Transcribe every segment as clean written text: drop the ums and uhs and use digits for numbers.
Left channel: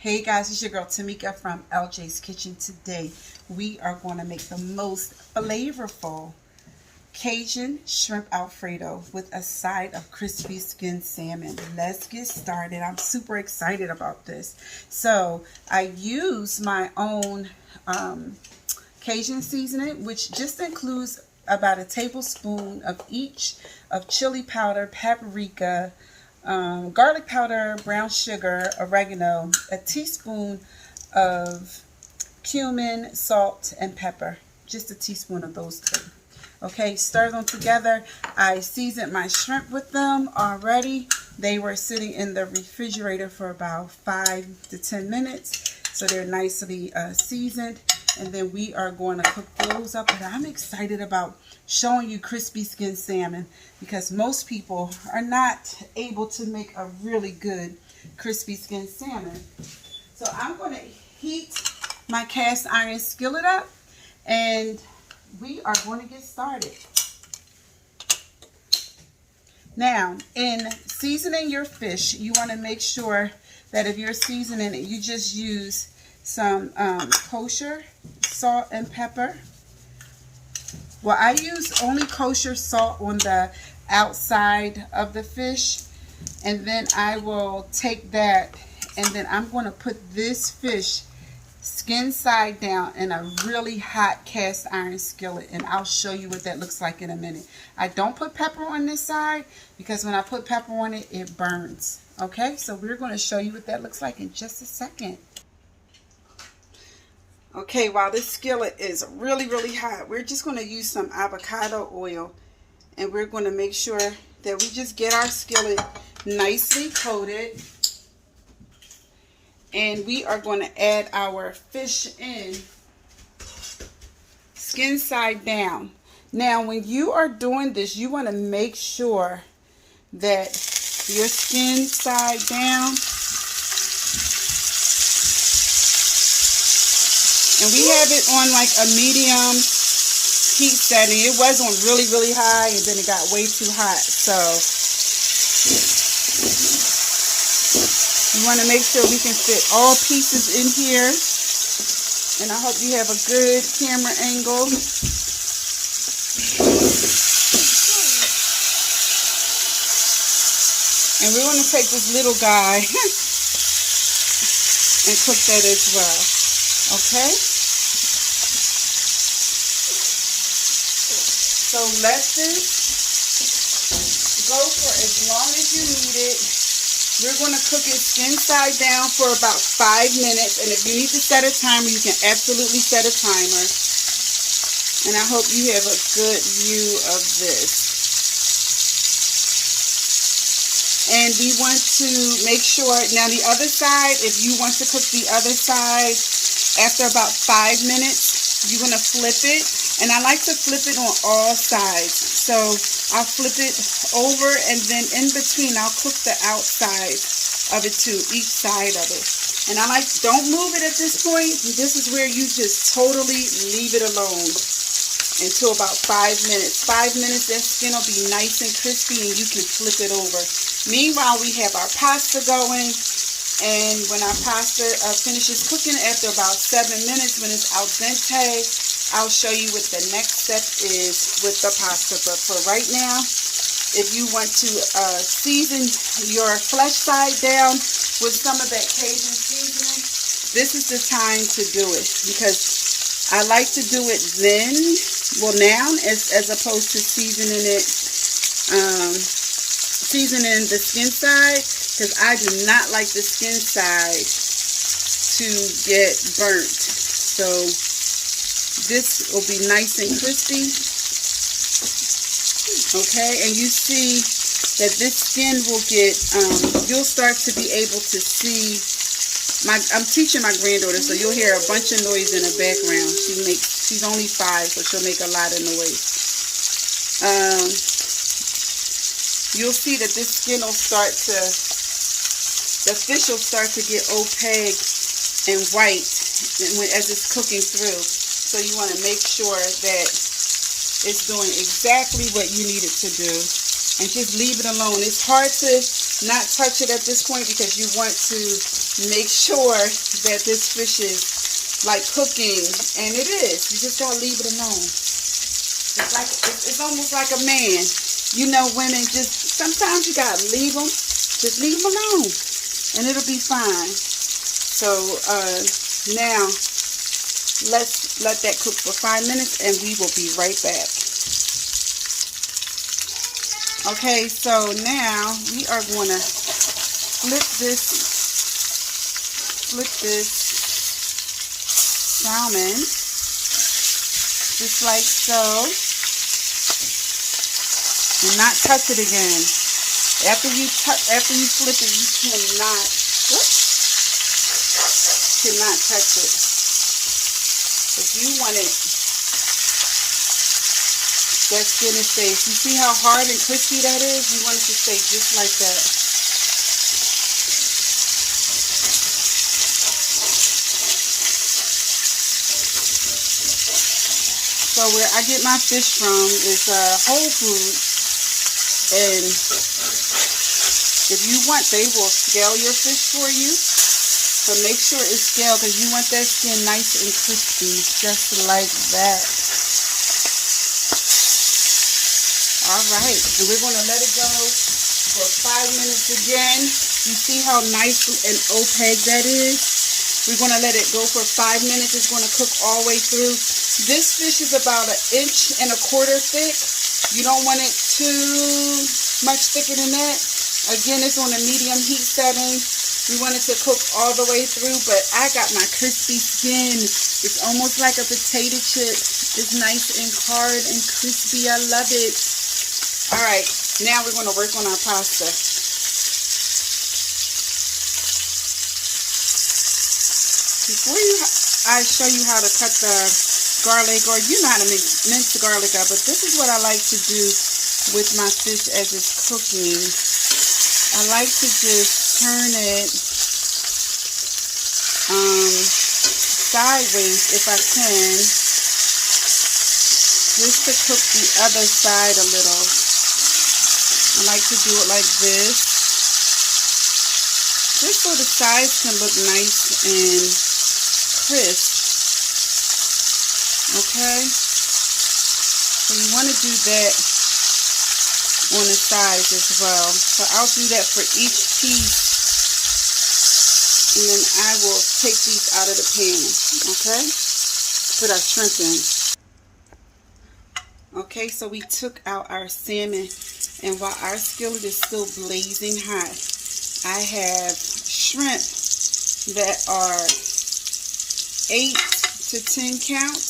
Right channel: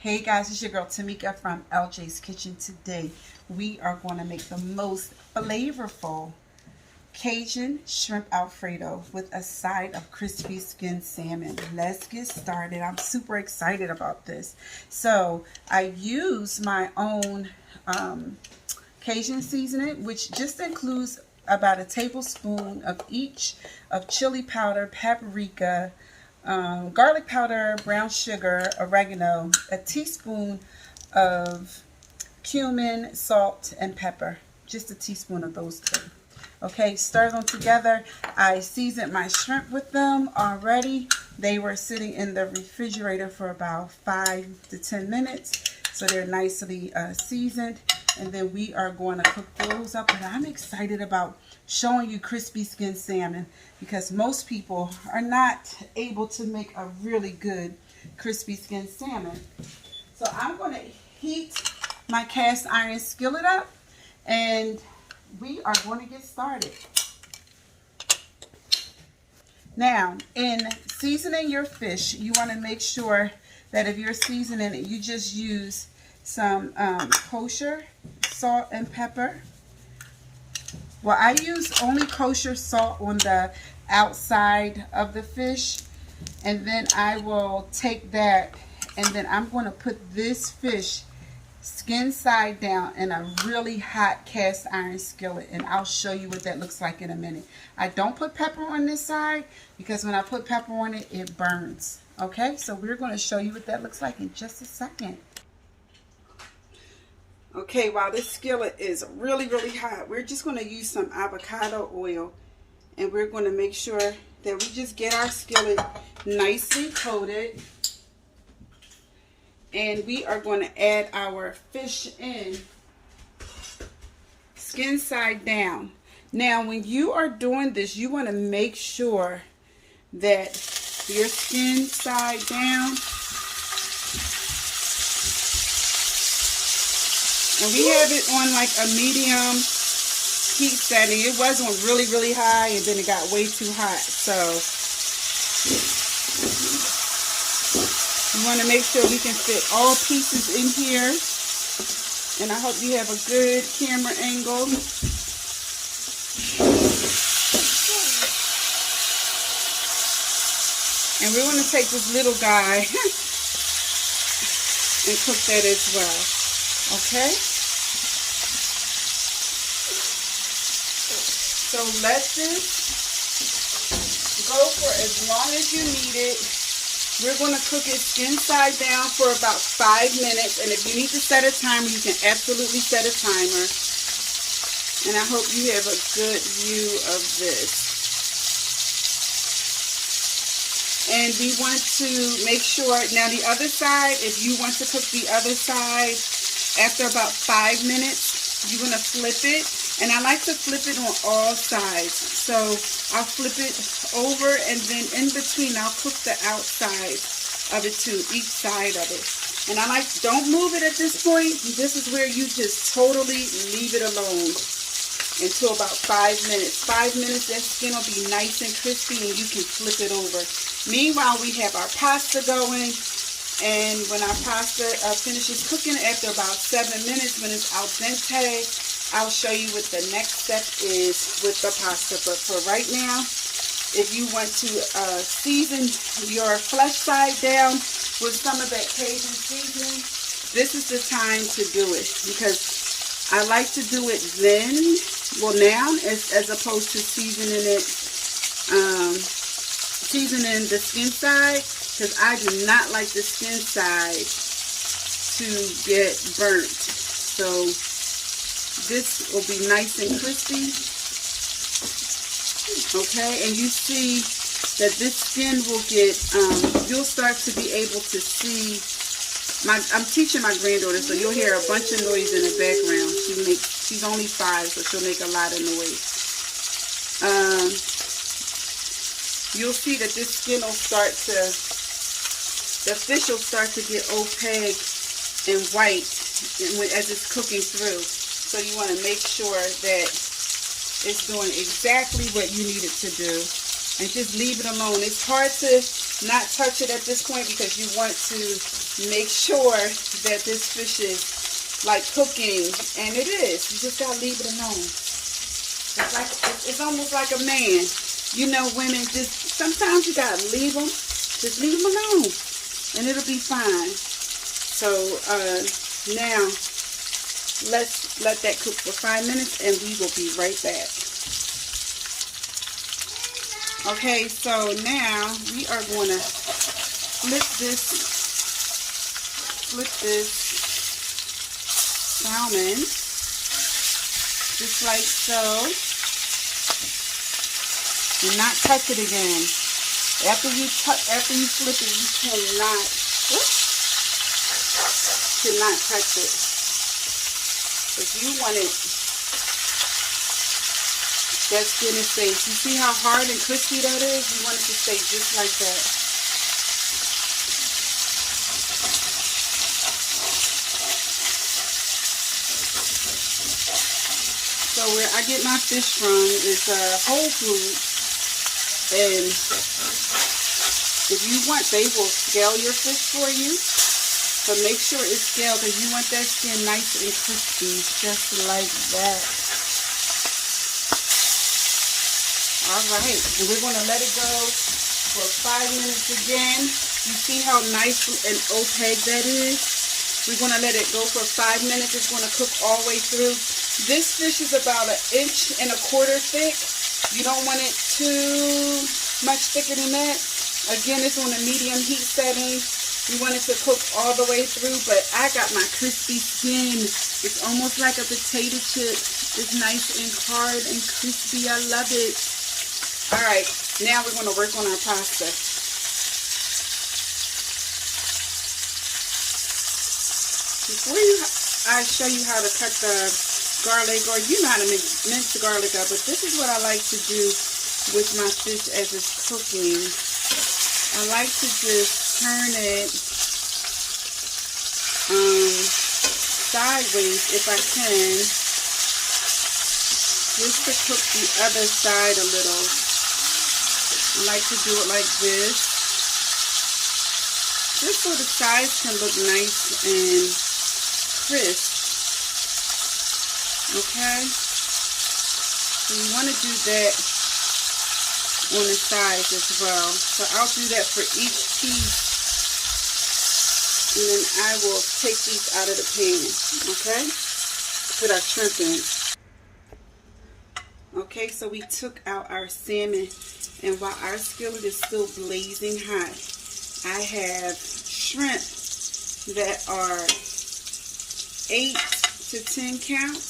Hey guys, it's your girl Tamika from LJ's Kitchen. Today we are going to make the most flavorful Cajun shrimp Alfredo with a side of crispy skinned salmon. Let's get started. I'm super excited about this. So I use my own Cajun seasoning, which just includes about a tablespoon of each of chili powder, paprika, garlic powder, brown sugar, oregano, a teaspoon of cumin, salt, and pepper. Just a teaspoon of those three. Okay, stir them together. I seasoned my shrimp with them already. They were sitting in the refrigerator for about 5 to 10 minutes. So they're nicely seasoned. And then we are going to cook those up. And I'm excited about showing you crispy skinned salmon because most people are not able to make a really good crispy skinned salmon. So I'm going to heat my cast iron skillet up and we are going to get started. Now, in seasoning your fish, you want to make sure that if you're seasoning it, you just use some kosher salt and pepper. Well, I use only kosher salt on the outside of the fish, and then I will take that and then I'm going to put this fish skin side down in a really hot cast iron skillet, and I'll show you what that looks like in a minute. I don't put pepper on this side because when I put pepper on it, it burns. Okay, so we're going to show you what that looks like in just a second. Okay, while this skillet is really hot, we're just going to use some avocado oil, and we're going to make sure that we just get our skillet nicely coated. And we are going to add our fish in skin side down. Now, when you are doing this, you want to make sure that your skin side down. And we have it on like a medium heat setting. It was on really high and then it got way too hot. So you want to make sure we can fit all pieces in here. And I hope you have a good camera angle. And we're going to take this little guy and cook that as well. Okay? So let this go for as long as you need it. We're going to cook it skin side down for about 5 minutes. And if you need to set a timer, you can absolutely set a timer. And I hope you have a good view of this. And we want to make sure, now the other side, if you want to cook the other side, after about 5 minutes, you're going to flip it. And I like to flip it on all sides. So I'll flip it over and then in between I'll cook the outside of it too, each side of it. And I like, don't move it at this point. This is where you just totally leave it alone until about 5 minutes. 5 minutes, that skin will be nice and crispy and you can flip it over. Meanwhile, we have our pasta going. And when our pasta finishes cooking after about 7 minutes, when it's al dente, I'll show you what the next step is with the pasta. But for right now, if you want to season your flesh side down with some of that Cajun seasoning, this is the time to do it. Because I like to do it then, well now, as opposed to seasoning it, seasoning the skin side. Because I do not like the skin side to get burnt. So this will be nice and crispy. Okay, and you see that this skin will get, you'll start to be able to see, I'm teaching my granddaughter, so you'll hear a bunch of noise in the background. She's only 5, so she'll make a lot of noise. You'll see that this skin will start to, the fish will start to get opaque and white as it's cooking through. So you want to make sure that it's doing exactly what you need it to do. And just leave it alone. It's hard to not touch it at this point because you want to make sure that this fish is like cooking, and it is. You just gotta leave it alone. It's almost like a man. You know, women, just sometimes you gotta leave them. Just leave them alone, and it'll be fine. So now let's let that cook for 5 minutes, and we will be right back. Okay, so now we are going to flip this salmon just like so, and not touch it again. After you flip it, you cannot touch it. If you want it, that skinny face. You see how hard and crispy that is? You want it to stay just like that. So where I get my fish from is Whole Foods, and if you want, they will scale your fish for you. So make sure it's scaled because you want that skin nice and crispy, just like that. Alright, and we're going to let it go for 5 minutes again. You see how nice and opaque that is? We're going to let it go for 5 minutes. It's going to cook all the way through. This fish is about 1.25 inches thick. You don't want it too much thicker than that. Again, it's on a medium heat setting. We want it to cook all the way through, but I got my crispy skin. It's almost like a potato chip. It's nice and hard and crispy. I love it. Alright, now we're going to work on our pasta. Before I show you how to cut the garlic, or you know how to mince the garlic up, but this is what I like to do with my fish as it's cooking. I like to just turn it sideways if I can, just to cook the other side a little. I like to do it like this, just so the sides can look nice and crisp. Okay, so you want to do that on the sides as well. So I'll do that for each piece, and then I will take these out of the pan. Okay, put our shrimp in. Okay, so we took out our salmon, and while our skillet is still blazing hot, I have shrimp that are 8 to 10 count.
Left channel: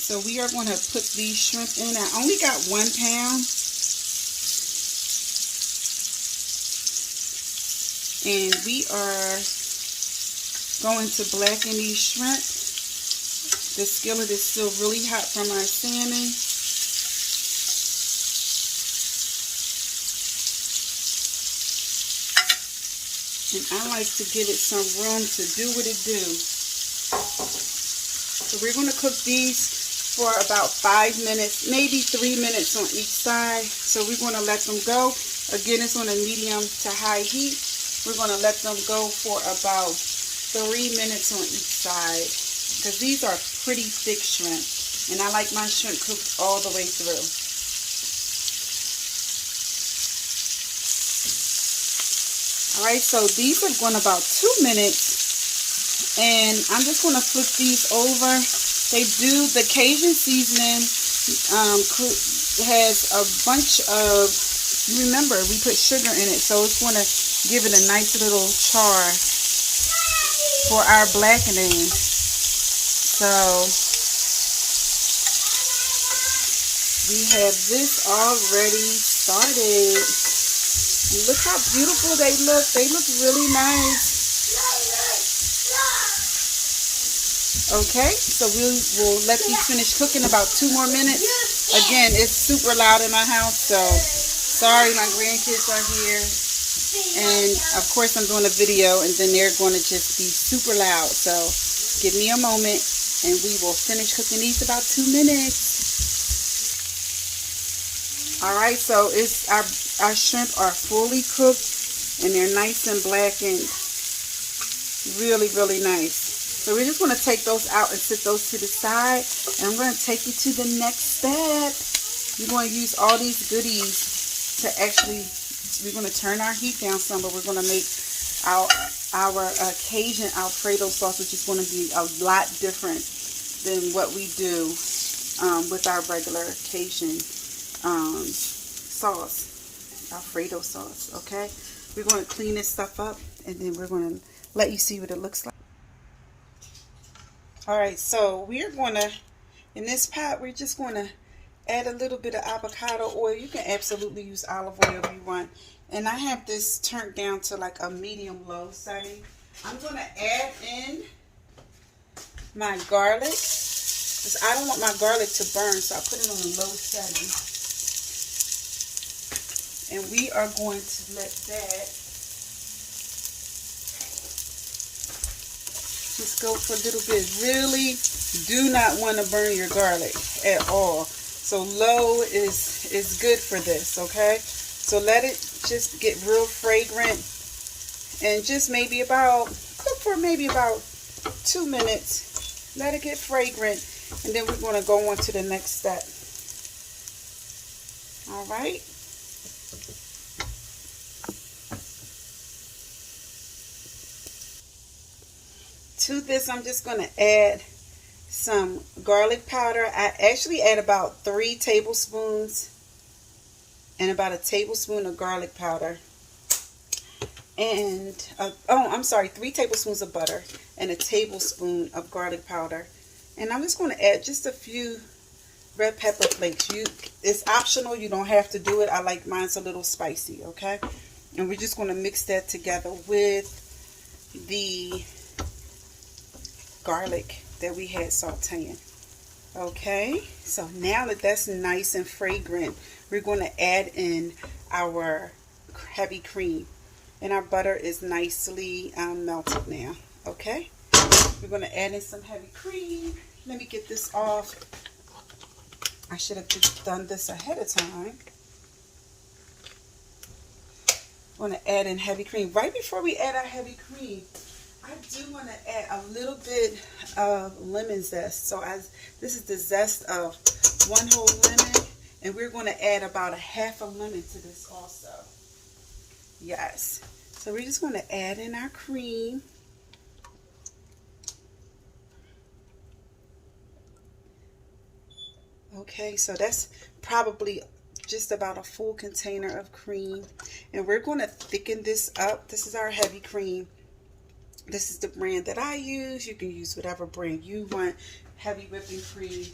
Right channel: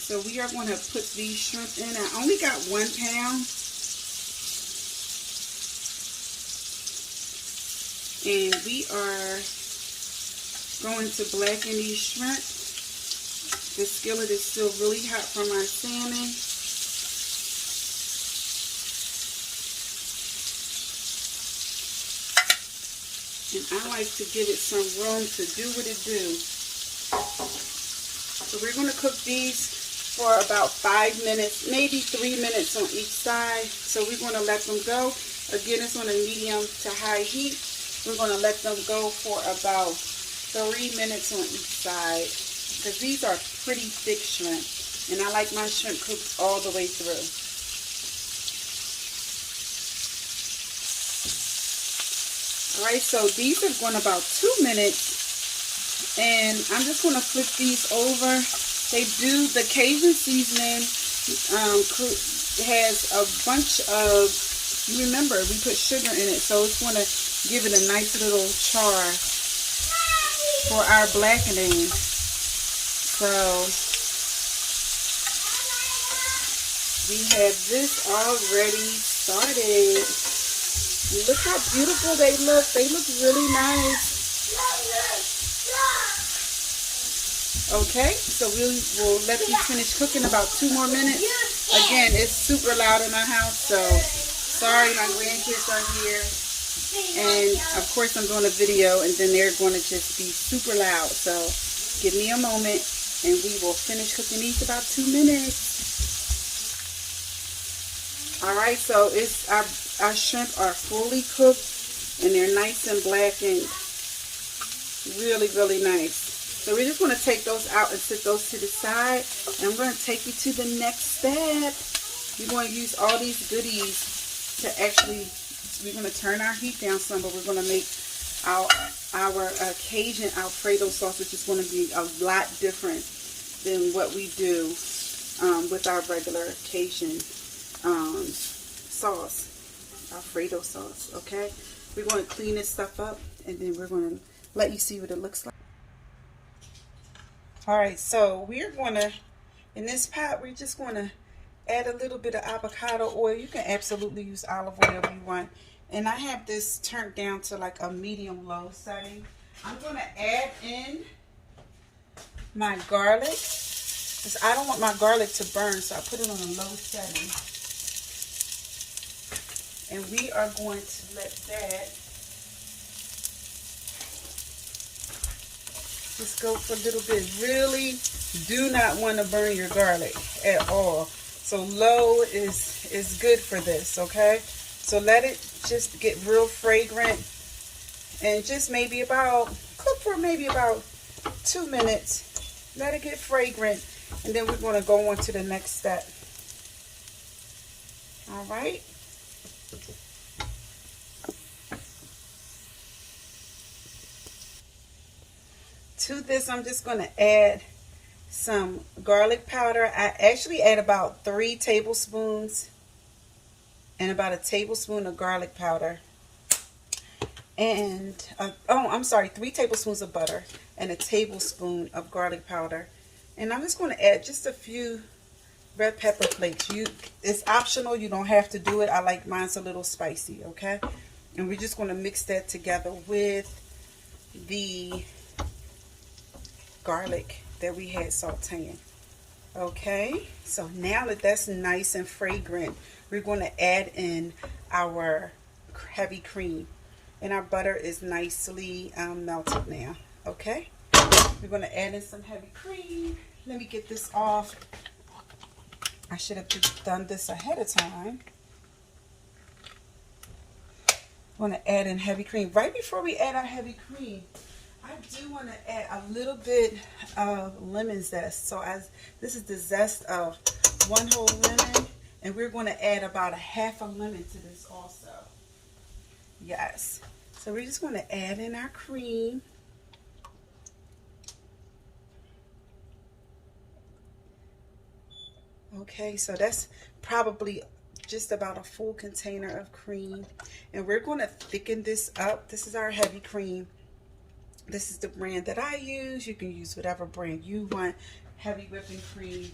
So we are going to put these shrimp in. I only got 1 pound. And we are going to blacken these shrimp. The skillet is still really hot from our salmon. And I like to give it some room to do what it do. So we're going to cook these for about 5 minutes, maybe 3 minutes on each side. So we're going to let them go. Again, it's on a medium to high heat. We're going to let them go for about 3 minutes on each side, because these are pretty thick shrimp, and I like my shrimp cooked all the way through. Alright, so these are going about 2 minutes, and I'm just going to flip these over. They do, the Cajun seasoning has a bunch of, remember, we put sugar in it, so it's going to give it a nice little char for our blackening. So we have this already started. Look how beautiful they look. They look really nice. Okay, so we will let these finish cooking about 2 more minutes. Again, it's super loud in my house, so sorry my grandkids are here. And of course I'm doing a video, and then they're going to just be super loud. So give me a moment, and we will finish cooking these about 2 minutes. All right, so it's our shrimp are fully cooked and they're nice and blackened. Really, really nice. So we're just going to take those out and set those to the side. And we're going to take you to the next step. We're going to use all these goodies to actually, we're going to turn our heat down some, but we're going to make our Cajun Alfredo sauce, which is going to be a lot different than what we do with our regular Cajun sauce, Alfredo sauce. Okay, we're going to clean this stuff up, and then we're going to let you see what it looks like. All right, so we're going to, in this pot, we're just going to add a little bit of avocado oil. You can absolutely use olive oil if you want. And I have this turned down to like a medium-low setting. I'm going to add in my garlic, because I don't want my garlic to burn, so I put it on a low setting. And we are going to let that just go for a little bit. Really do not want to burn your garlic at all. So low is good for this, okay? So let it just get real fragrant and just maybe about, cook for maybe about 2 minutes. Let it get fragrant, and then we're going to go on to the next step. All right. To this, I'm just going to add some garlic powder. I actually add about 3 tablespoons and about a tablespoon of garlic powder. And, 3 tablespoons of butter and a tablespoon of garlic powder. And I'm just going to add just a few red pepper flakes. It's optional. You don't have to do it. I like mine's a little spicy, okay? And we're just going to mix that together with the garlic that we had sauteing. Okay, so now that that's nice and fragrant, we're going to add in our heavy cream, and our butter is nicely melted now. Okay, we're going to add in some heavy cream. Let me get this off. I should have just done this ahead of time. I'm going to add in heavy cream. Right before we add our heavy cream, I do want to add a little bit of lemon zest. So this is the zest of 1 whole lemon, and we're going to add about a half a lemon to this also. Yes. So we're just going to add in our cream. Okay, so that's probably just about a full container of cream, and we're going to thicken this up. This is our heavy cream. This is the brand that I use. You can use whatever brand you want. Heavy whipping cream.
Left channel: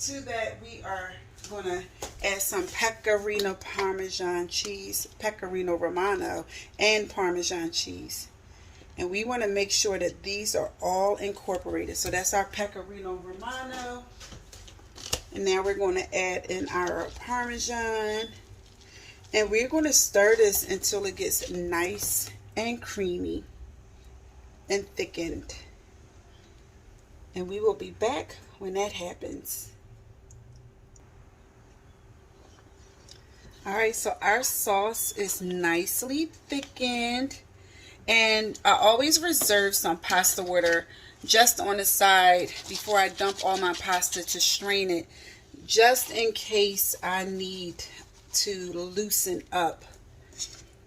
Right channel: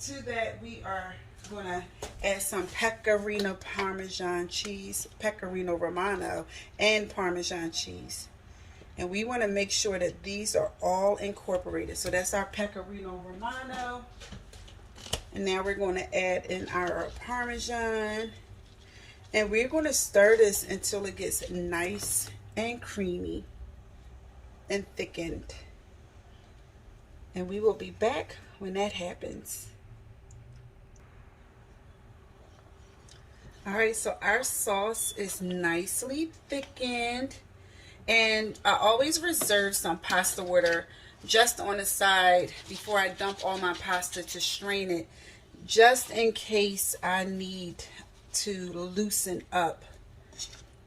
To that, we are going to add some pecorino parmesan cheese, pecorino romano, and parmesan cheese. And we want to make sure that these are all incorporated. So that's our pecorino romano. And now we're going to add in our parmesan. And we're going to stir this until it gets nice and creamy and thickened. And we will be back when that happens. Alright, so our sauce is nicely thickened. And I always reserve some pasta water just on the side before I dump all my pasta to strain it, just in case I need to loosen up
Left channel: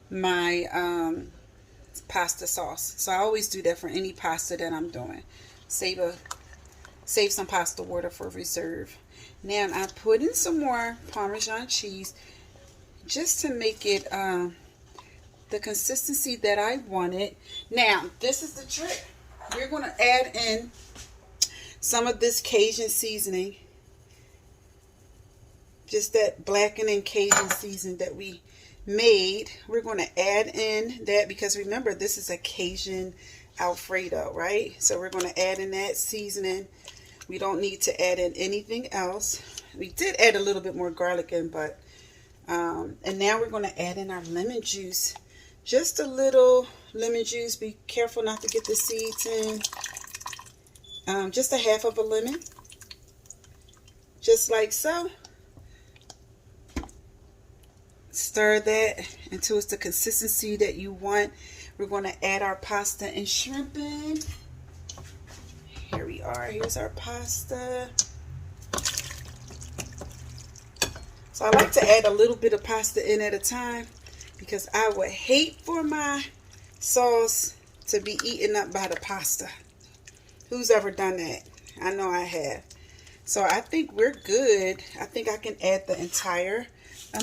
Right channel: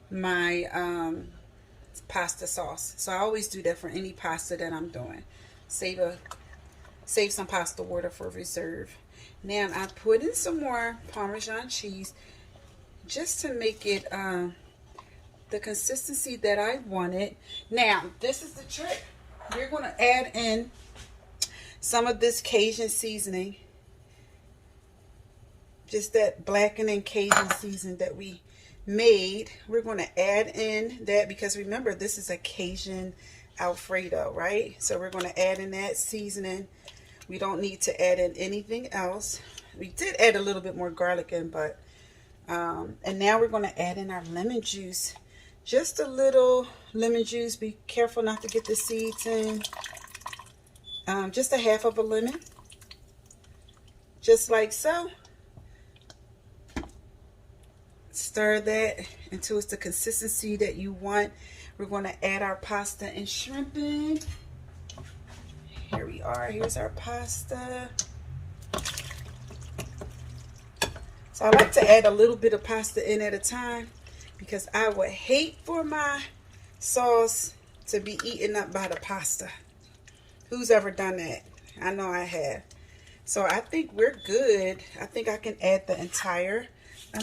my pasta sauce. So I always do that for any pasta that I'm doing. Save some pasta water for reserve. Now I put in some more Parmesan cheese just to make it the consistency that I wanted. Now this is the trick. We're going to add in some of this Cajun seasoning. Just that blackening Cajun seasoning that we made. We're going to add in that because remember, this is a Cajun Alfredo, right? So we're going to add in that seasoning. We don't need to add in anything else. We did add a little bit more garlic in, but and now we're going to add in our lemon juice. Just a little lemon juice. Be careful not to get the seeds in. Just a half of a lemon. Just like so. Stir that until it's the consistency that you want. We're going to add our pasta and shrimp in. Here we are. Here's our pasta. So I like to add a little bit of pasta in at a time because I would hate for my sauce to be eaten up by the pasta. Who's ever done that? I know I have. So I think we're good. I think I can add the entire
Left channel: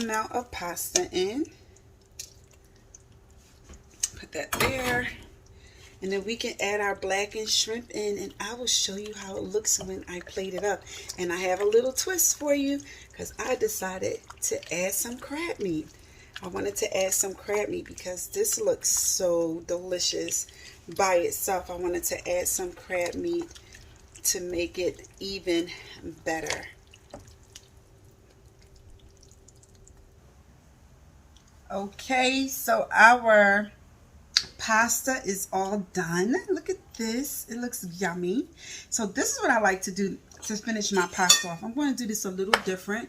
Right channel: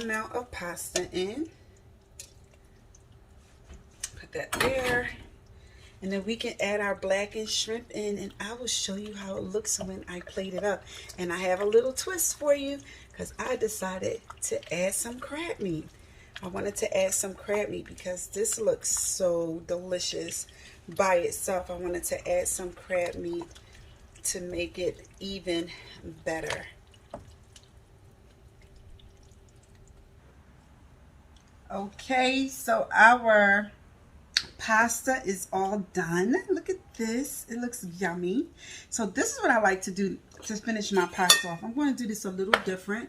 amount of pasta in. Put that there. And then we can add our blackened shrimp in, and I will show you how it looks when I plate it up. And I have a little twist for you because I decided to add some crab meat. I wanted to add some crab meat because this looks so delicious by itself. I wanted to add some crab meat to make it even better. Okay, so our pasta is all done. Look at this. It looks yummy. So this is what I like to do to finish my pasta off. I'm going to do this a little different.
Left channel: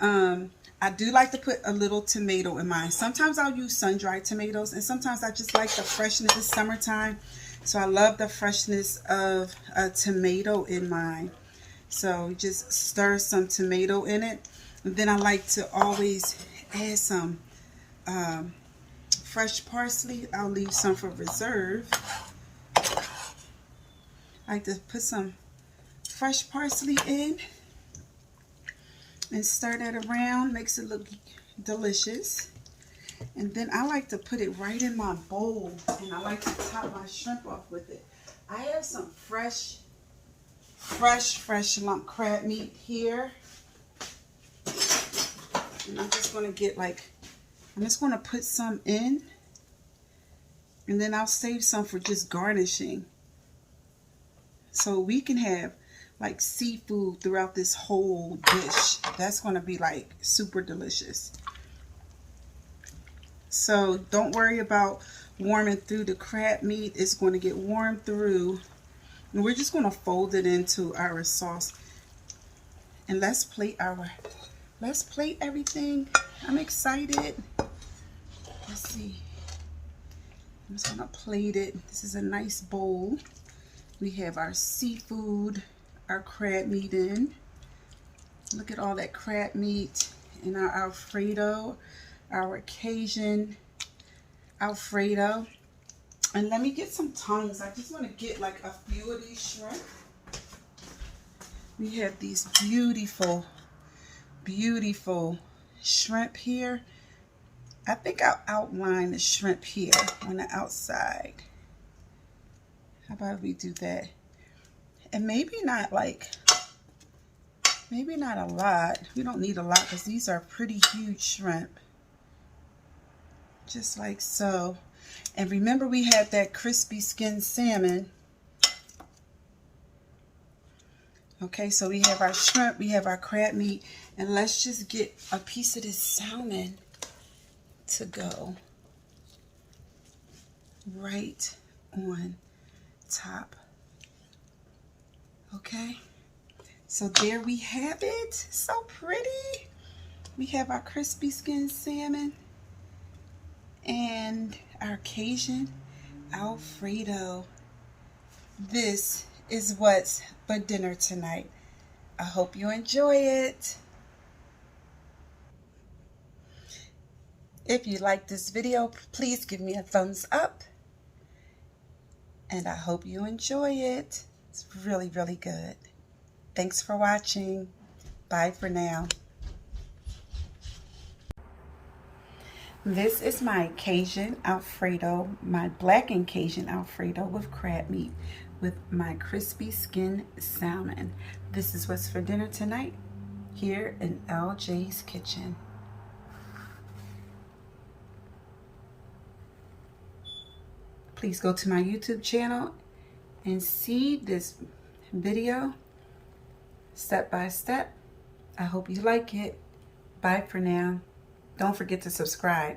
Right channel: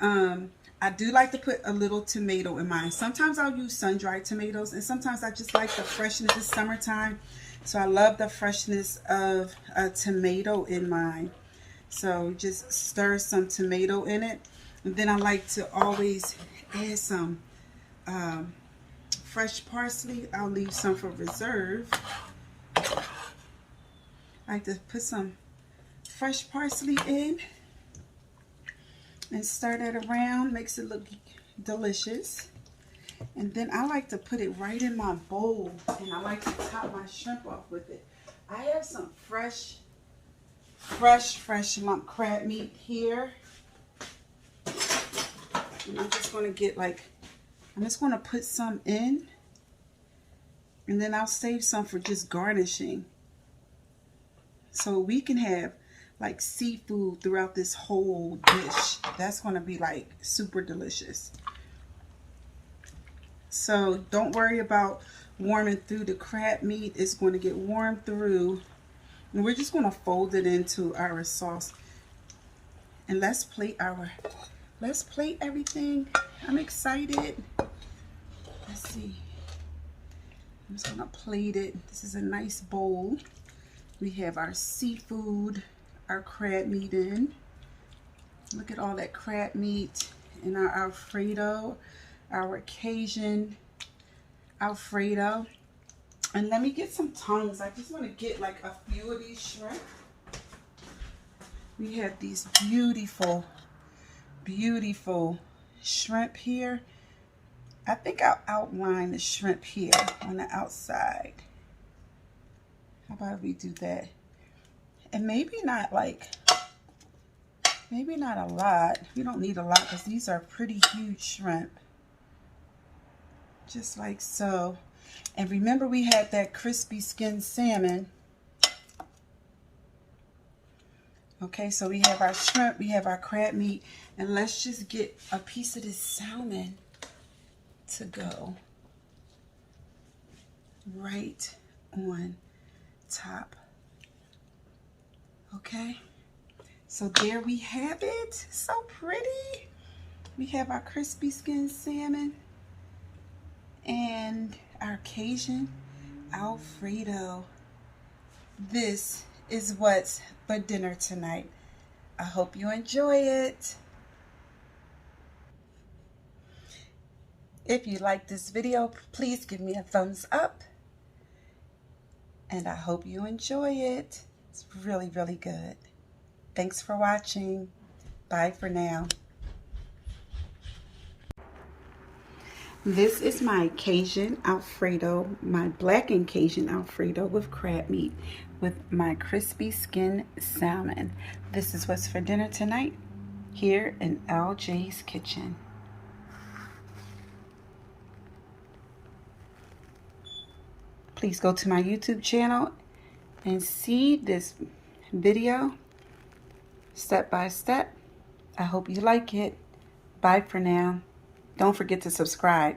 I do like to put a little tomato in mine. Sometimes I'll use sun-dried tomatoes, and sometimes I just like the freshness. It's summertime, so I love the freshness of a tomato in mine. So just stir some tomato in it, and then I like to always add some fresh parsley. I'll leave some for reserve. I like to put some fresh parsley in and stir that around. Makes it look delicious. And then I like to put it right in my bowl, and I like to top my shrimp off with it. I have some fresh lump crab meat here, and I'm just going to get I'm just going to put some in, and then I'll save some for just garnishing. So we can have like seafood throughout this whole dish. That's going to be like super delicious. So don't worry about warming through the crab meat. It's going to get warm through. And we're just going to fold it into our sauce. And let's plate everything. I'm excited. Let's see. I'm just going to plate it. This is a nice bowl. We have our seafood, our crab meat in. Look at all that crab meat and our Alfredo, our Cajun Alfredo. And let me get some tongues. I just want to get like a few of these shrimp. We have these beautiful, beautiful shrimp here. I think I'll outline the shrimp here on the outside. How about we do that? And maybe not a lot. We don't need a lot because these are pretty huge shrimp. Just like so. And remember, we have that crispy skinned salmon. Okay, so we have our shrimp, we have our crab meat, and let's just get a piece of this salmon to go right on top. Okay, so there we have it. So pretty. We have our crispy skinned salmon and our Cajun Alfredo. This is what's for dinner tonight. I hope you enjoy it. If you like this video, please give me a thumbs up. And I hope you enjoy it. It's really, really good. Thanks for watching. Bye for now. This is my Cajun Alfredo, my blackened Cajun Alfredo with crab meat with my crispy skinned salmon. This is what's for dinner tonight here in LJ's Kitchen. Please go to my YouTube channel and see this video step by step. I hope you like it. Bye for now. Don't forget to subscribe.